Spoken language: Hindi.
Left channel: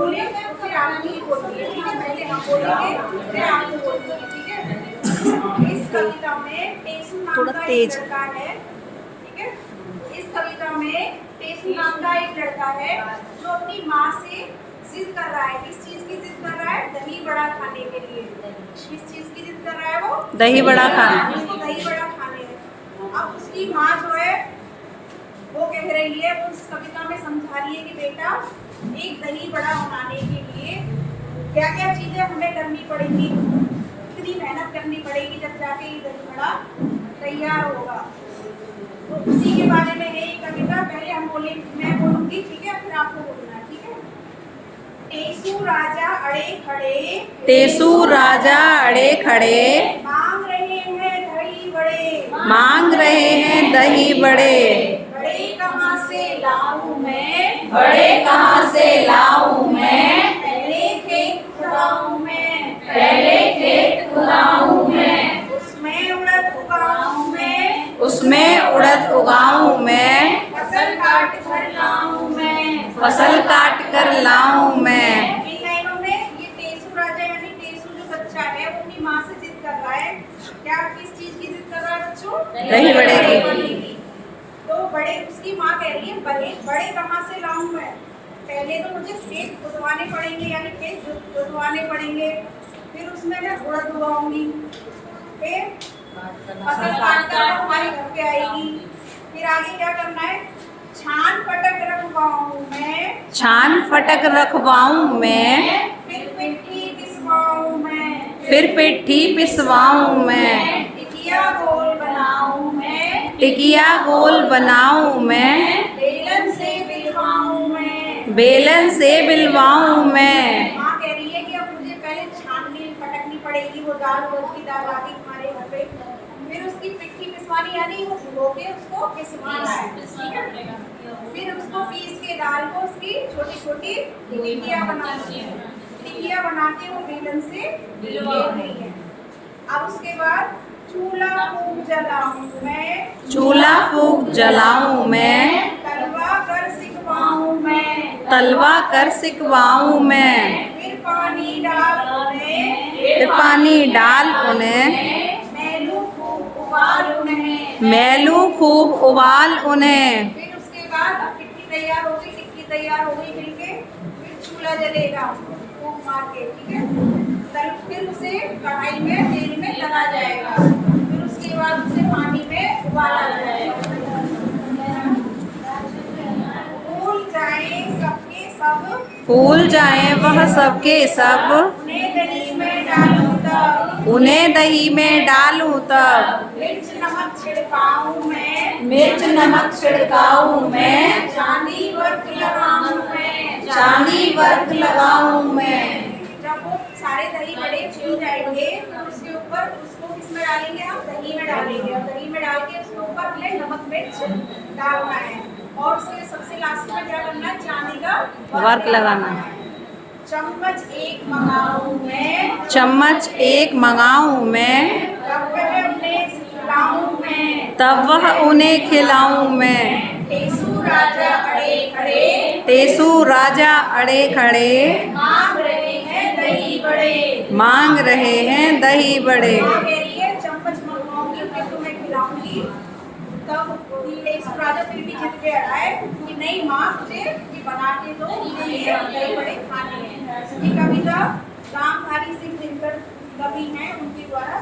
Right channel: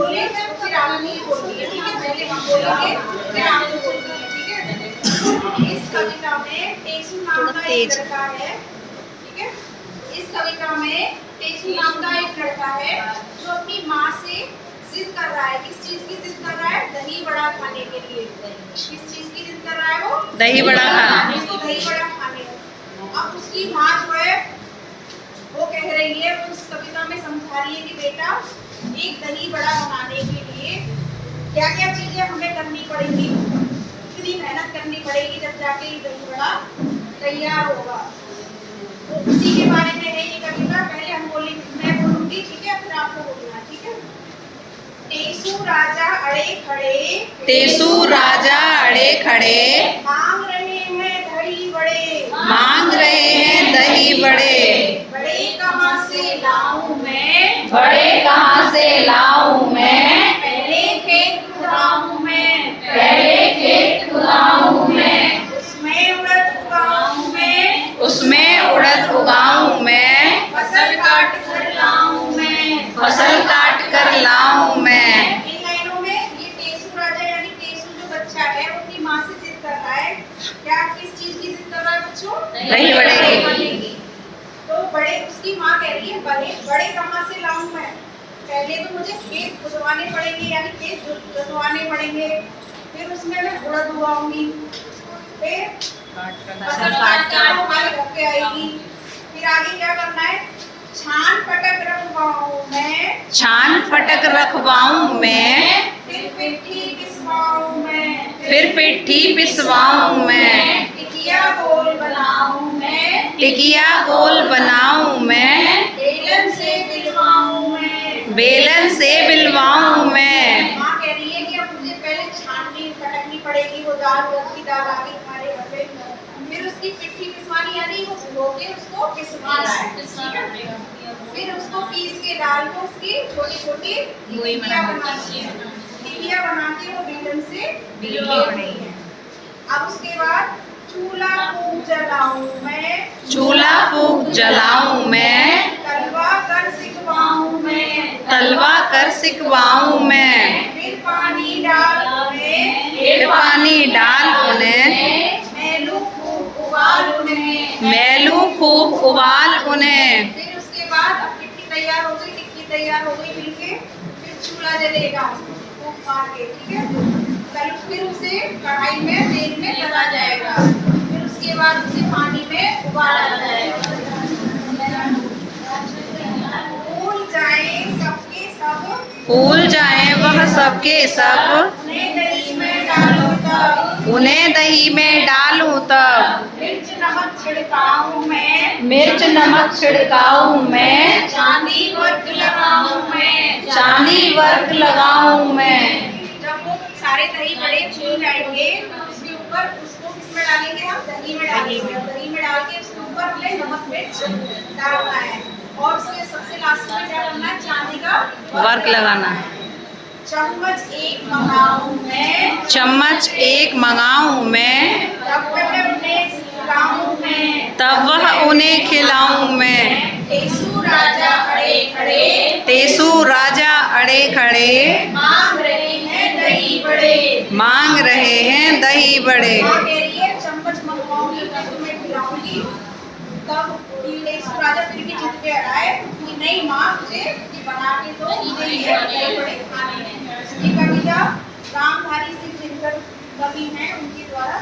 बोले तो फिर आप नहीं बोलिए, ठीक है? पहले हम बोलेंगे फिर आप बोलिए, ठीक है? इस कविता में टेसू नाम का एक लड़का है, ठीक है? इस कविता में टेसू नाम का एक लड़का है जो अपनी माँ से जिद कर रहा है। किस चीज की जिद कर रहा है? दही बड़ा खाने के लिए। किस चीज की जिद कर रहा है वो? दही बड़ा खाने। उसको दही बड़ा खाने। अब उसकी माँ जो है वो कह रही है, वो उस कविता में समझा रही है कि बेटा एक दही बड़ा बनाने के लिए क्या क्या चीजें हमें करनी पड़ेंगी, कितनी मेहनत करनी पड़ेगी जब जाके ये दही बड़ा तैयार होगा। तो उसी के बारे में है ये कविता। पहले हम बोलेंगे, मैं बोलूंगी, ठीक है? फिर आप लोग बोलना, ठीक है? टेसू राजा अड़े खड़े, टेसू राजा अड़े खड़े, मांग रहे हैं दही बड़े, मांग रहे हैं दही बड़े। बड़े कहाँ से लाऊं मैं, बड़े कहाँ से लाऊं मैं, पहले खेत खुदाऊं मैं, पहले खेत खुदाऊं मैं, उसमें उड़द उगाऊं मैं, उसमें उड़द उगाऊं मैं, फसल काट कर लाऊं मैं, फसल काट कर लाऊं मैं। इन लाइनों में ये टेसू राजा यानी टेसू जो बच्चा है वो अपनी माँ से जिद कर रहा है। क्या किस चीज की जिद कर रहा है बच्चों? दही बड़े की। खाने की। तो बड़े उसकी माँ कह रही है बड़े बड़े कहाँ से लाऊं मैं, पहले तो मुझे खेत खुदवाने पड़ेंगे यानी खेत जोतवाने पड़ेंगे, फिर उसमें मैं उड़द उगाऊंगी, फिर फसल काट कर हमारे घर पे आएगी, फिर आगे क्या करना है? छान पटक रखवाऊं मैं, छान फटक रखवाऊं मैं, फिर पिट्ठी पिसवाऊं मैं, फिर पिट्ठी पिसवाऊं मैं, टिकिया गोल बनाऊं मैं, टिकिया गोल बनाऊं मैं, बेलन से बिलवाऊं मैं, बेलन से बिलवाऊं मैं। माँ कह रही है कि अब मुझे पहले छाननी पटकनी पड़ेगी, वो दाल उड़द की दाल आ गई हमारे घर पे, फिर उसकी पिट्ठी पिसवानी यानी वो भिगो के उसको पिसवाना है, ठीक है? फिर उसको पीस के दाल को उसकी छोटी छोटी टिकिया बनानी है, टिकिया बना के वो बेलन से बिलवानी है। अब उसके बाद चूल्हा फूंक जलाऊं मैं, चूल्हा फूंक जलाऊं मैं, तलवा कर सिकवाऊं मैं, तलवा कर सिकवाऊं मैं, फिर पानी डाल उन्हें, फिर पानी डाल उन्हें, मैलू खूब उबाल उन्हें, मैलू खूब उबाल उन्हें। फिर उसके बाद अब पिट्ठी तैयार हो गई, टिक्की तैयार हो गई मिलके, फिर चूल्हा जलेगा फूंक मार के, ठीक है? फिर उसे कढ़ाई में तेल में तला जाएगा, फिर उसके बाद उसे पानी में उबाला जाएगा। फूल जाए सबके सब, फूल जाएं वह सबके सब, उन्हें दही में डालूं तब, उन्हें दही में डालूं तब, मिर्च नमक छिड़काऊं मैं, मिर्च नमक छिड़काऊं मैं, चांदी वर्क लगाऊं मैं, चांदी वर्क लगाऊं मैं। जब वो सारे दही बड़े फूल जाएंगे उसके ऊपर उसको किसमें डालेंगे? हम दही में डालेंगे, और दही में डाल के उसके ऊपर हमें नमक मिर्च डालना है, और उसके सबसे लास्ट में क्या करना है? चांदी का वर्क लगाना है। चम्मच एक मंगाऊं मैं, चम्मच एक मंगाऊं मैं, तब वह उन्हें खिलाऊं मैं, तब वह उन्हें खिलाऊं मैं। टेसू राजा अड़े खड़े, टेसू राजा अड़े खड़े, मांग रहे हैं दही बड़े, मांग रहे हैं दही बड़े। माँ कह रही है चम्मच मंगवाऊंगी फिर तुम्हें खिलाऊंगी। तब टेसू राजा फिर भी जिद पे अड़ा है कि नहीं माँ, मुझे ये बना के दो, मुझे ये दही बड़े खाने हैं। ये कविता रामधारी सिंह दिनकर कवि हैं, उनके द्वारा